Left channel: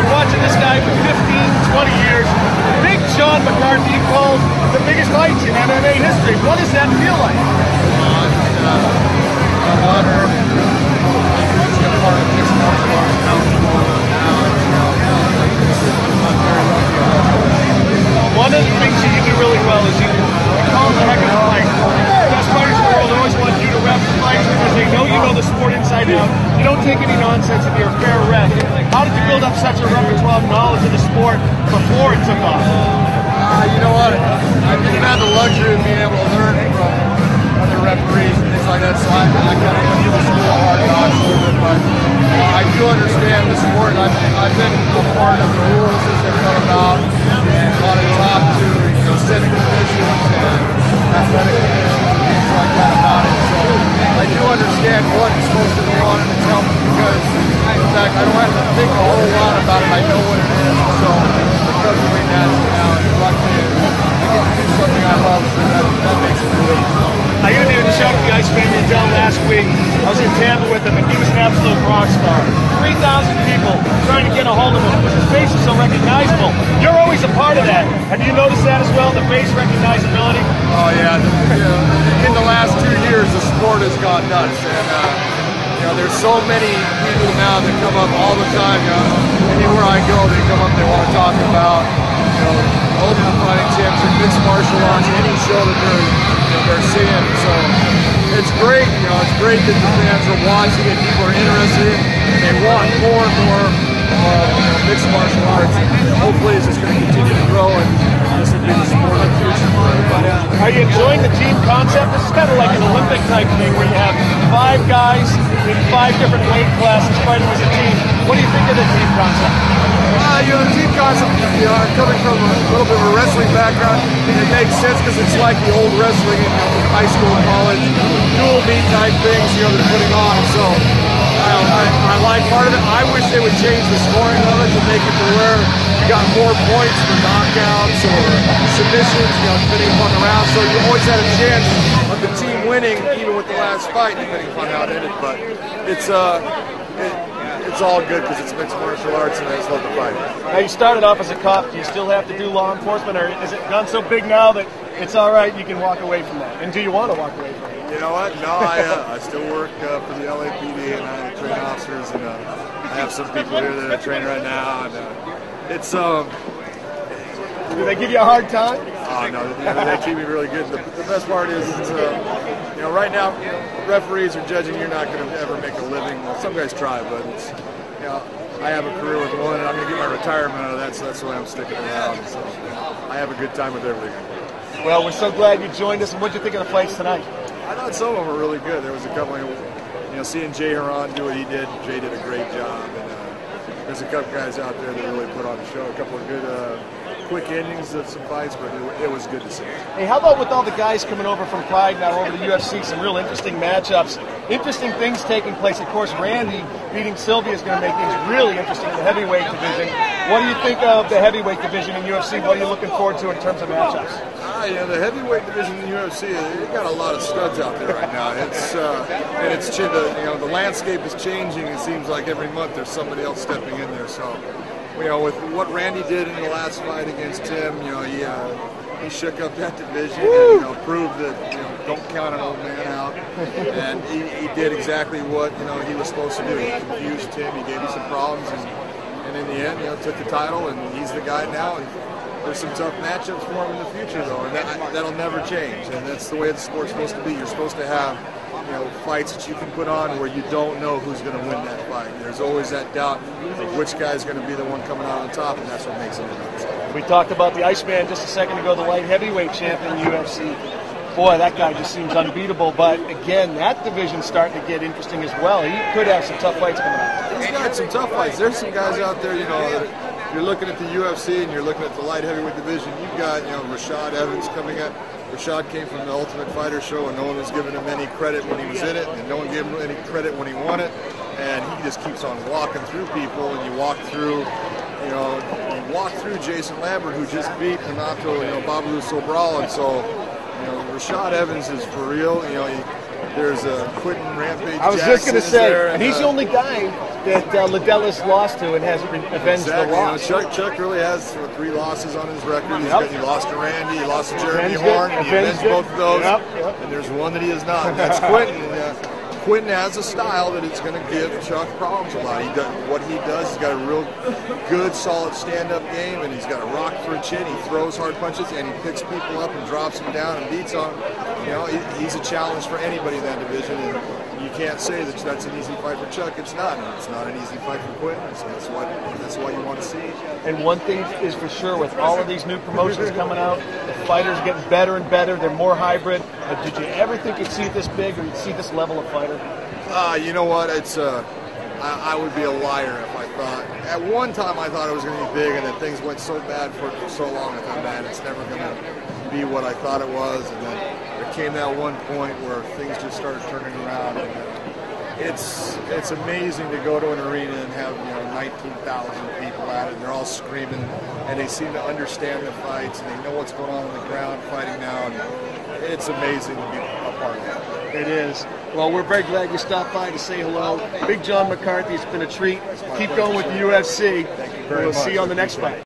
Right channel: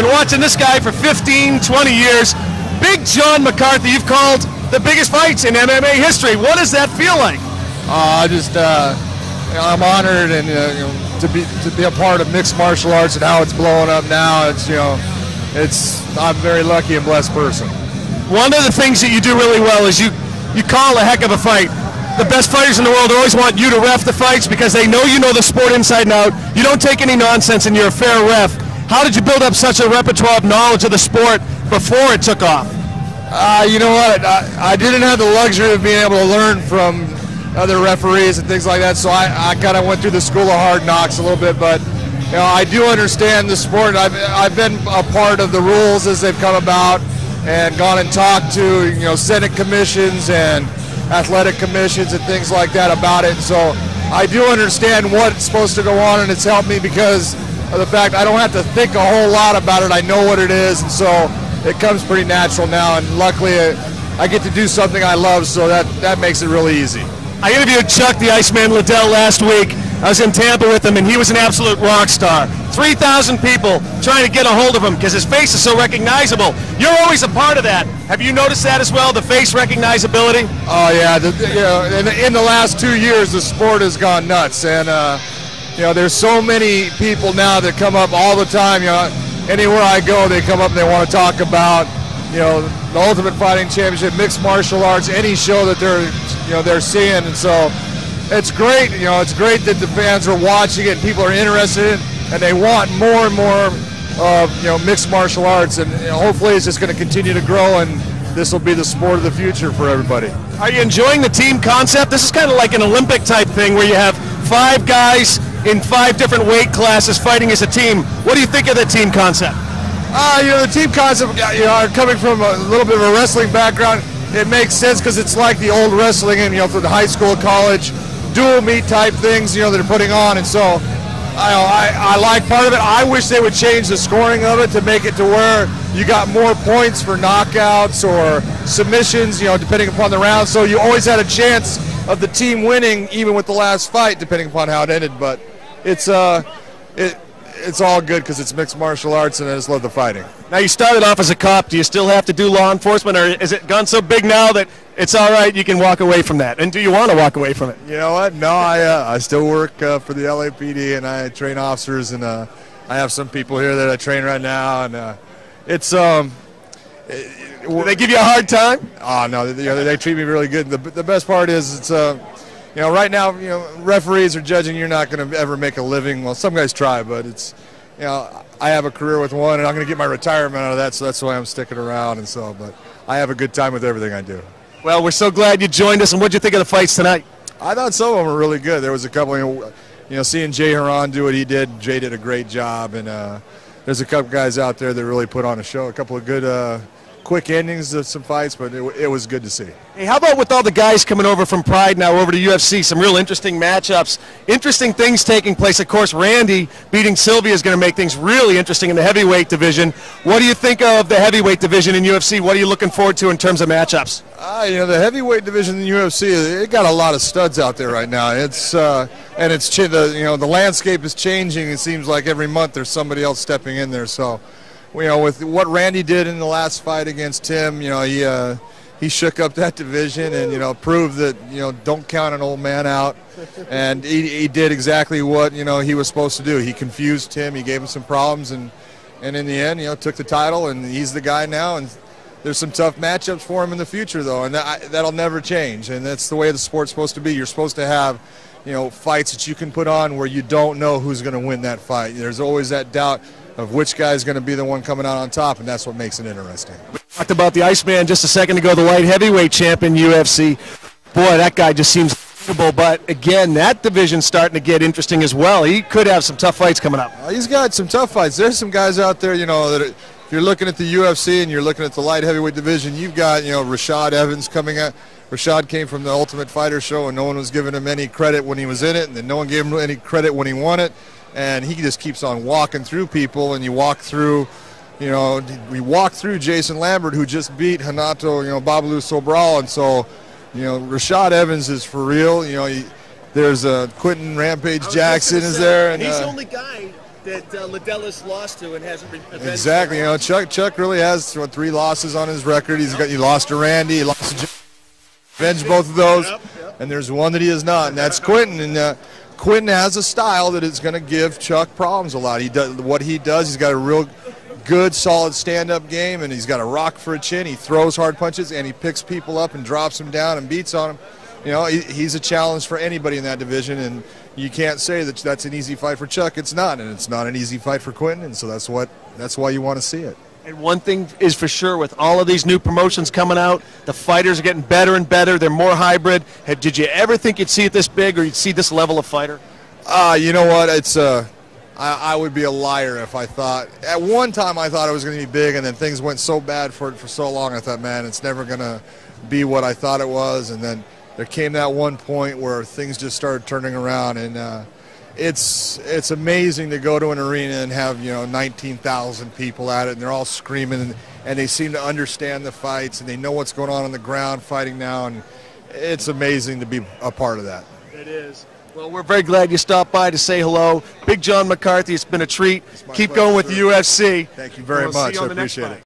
been watching this guy for 15, 20 years. Big John McCarthy, you've called the biggest fights in MMA history. What does that feel like? I'm honored and to be a part of mixed martial arts and how it's blowing up now. I'm very lucky and blessed person. One of the things that you do really well is you call a heck of a fight. The best fighters in the world always want you to ref the fights because they know you know the sport inside and out. You don't take any nonsense and you're a fair ref. How did you build up such a repertoire of knowledge of the sport before it took off? You know what? I didn't have the luxury of being able to learn from other referees and things like that, so I kind of went through the school of hard knocks a little bit, but I do understand the sport. I've been a part of the rules as they've come about and gone and talked to Senate commissions and athletic commissions and things like that about it, so I do understand what's supposed to go on, and it's helped me because of the fact I don't have to think a whole lot about it. I know what it is, so it comes pretty natural now, and luckily I get to do something I love, so that makes it really easy. I interviewed Chuck the Iceman Liddell last week. I was in Tampa with him, and he was an absolute rock star. 3,000 people trying to get a hold of him because his face is so recognizable. You're always a part of that. Have you noticed that as well, the face recognizability? Oh, yeah. In the last 2 years, the sport has gone nuts, and there's so many people now that come up all the time. Anywhere I go, they come up and they want to talk about the Ultimate Fighting Championship, mixed martial arts, any show that they're seeing. So it's great. It's great that the fans are watching it, people are interested in it, and they want more and more mixed martial arts, and hopefully it's just going to continue to grow, and this will be the sport of the future for everybody. Are you enjoying the team concept? This is kind of like an Olympic type thing where you have 5 guys in 5 different weight classes fighting as a team. What do you think of the team concept? The team concept, coming from a little bit of a wrestling background, it makes sense because it's like the old wrestling and, for the high school, college, dual meet type things, that they're putting on. And so I like part of it. I wish they would change the scoring of it to make it to where you got more points for knockouts or submissions, depending upon the round. So you always had a chance of the team winning, even with the last fight, depending upon how it ended. But it's all good because it's mixed martial arts, and I just love the fighting. Now, you started off as a cop. Do you still have to do law enforcement, or is it gone so big now that it's all right, you can walk away from that? And do you want to walk away from it? You know what? No, I still work for the LAPD, and I train officers, and I have some people here that I train right now, and it's do they give you a hard time? Oh no, they treat me really good. The best part is it's right now, referees are judging. You're not going to ever make a living. Well, some guys try, but it's, I have a career with one, and I'm going to get my retirement out of that, so that's why I'm sticking around. And so, but I have a good time with everything I do. Well, we're so glad you joined us. And what did you think of the fights tonight? I thought some of them were really good. There was a couple, seeing Jay Haran do what he did. Jay did a great job, and there's a couple guys out there that really put on a show. A couple of good. Quick endings of some fights, but it was good to see. Hey, how about with all the guys coming over from Pride now over to UFC? Some real interesting matchups, interesting things taking place. Of course, Randy beating Sylvia is going to make things really interesting in the heavyweight division. What do you think of the heavyweight division in UFC? What are you looking forward to in terms of matchups? The heavyweight division in the UFC, it got a lot of studs out there right now. It's the landscape is changing. It seems like every month there's somebody else stepping in there. So. With what Randy did in the last fight against Tim, he shook up that division and proved that don't count an old man out, and he did exactly what he was supposed to do. He confused Tim, he gave him some problems, and in the end took the title, and he's the guy now. And there's some tough matchups for him in the future though, and that'll never change. And that's the way the sport's supposed to be. You're supposed to have fights that you can put on where you don't know who's going to win that fight. There's always that doubt of which guy is going to be the one coming out on top, and that's what makes it interesting. We talked about the Iceman just a second ago, the light heavyweight champion UFC. Boy, that guy just seems unbeatable, but again, that division's starting to get interesting as well. He could have some tough fights coming up. He's got some tough fights. There's some guys out there, that if you're looking at the UFC and you're looking at the light heavyweight division, you've got, Rashad Evans coming at. Rashad came from the Ultimate Fighter show, and no one was giving him any credit when he was in it, and no one gave him any credit when he won it. And he just keeps on walking through people, and you walk through Jason Lambert, who just beat Hanato, Babalu Sobral, and so, Rashad Evans is for real. There's Quentin Rampage Jackson is there. And he's the only guy that Liddell's lost to and has avenged. Exactly. You know, Chuck really has 3 losses on his record. He lost to Randy, he lost to Jeremy Horn. He avenged both of those. And there's one that he has not, and that's Quentin. And Quentin has a style that is going to give Chuck problems a lot. What he does, he's got a real good, solid stand-up game, and he's got a rock for a chin. He throws hard punches, and he picks people up and drops them down and beats on them. You know, he's a challenge for anybody in that division, and you can't say that that's an easy fight for Chuck. It's not, and it's not an easy fight for Quentin, and so that's why you want to see it. And one thing is for sure, with all of these new promotions coming out, the fighters are getting better and better. They're more hybrid. Did you ever think you'd see it this big, or you'd see this level of fighter? You know what? It's I would be a liar if I thought. At one time, I thought it was going to be big, and then things went so bad for it for so long. I thought, man, it's never going to be what I thought it was. And then there came that one point where things just started turning around, and it's amazing to go to an arena and have 19,000 people at it, and they're all screaming, and they seem to understand the fights, and they know what's going on the ground fighting now, and it's amazing to be a part of that. It is. Well, we're very glad you stopped by to say hello. Big John McCarthy, it's been a treat. Keep going with the UFC. Thank you very much. See you on the next appreciate fight. it.